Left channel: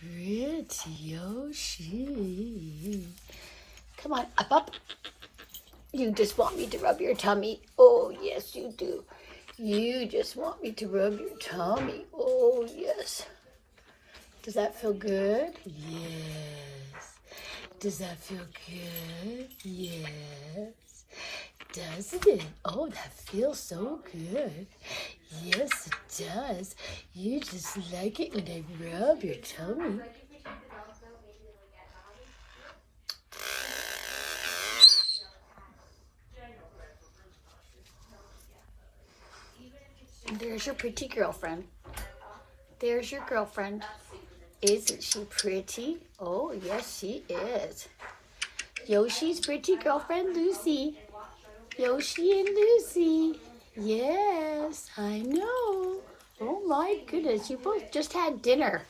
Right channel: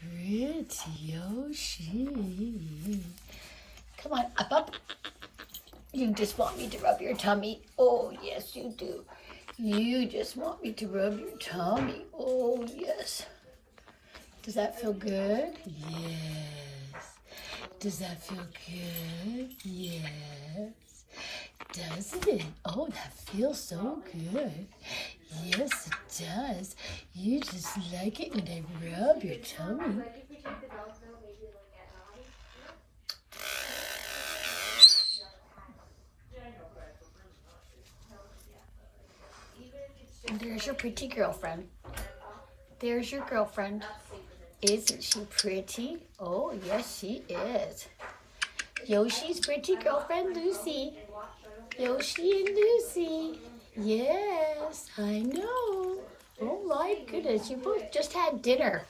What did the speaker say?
Pretty Yoshi. Come on, up. You just want me to rub your tummy. Oh, yes, you do. You just want me to rub your tummy. Oh, yes. Does that feel good? Yes. Does that feel good? Yes. Doesn't it? Oh, that feels so good. Yes, it does. You just like it when I rub your tummy. There's your pretty girlfriend. There's your girlfriend. Isn't she pretty? Oh, yes, she is. Yoshi's pretty girlfriend, Lucy. Yoshi and Lucy. Yes, I know. Oh my goodness, you both just had dinner.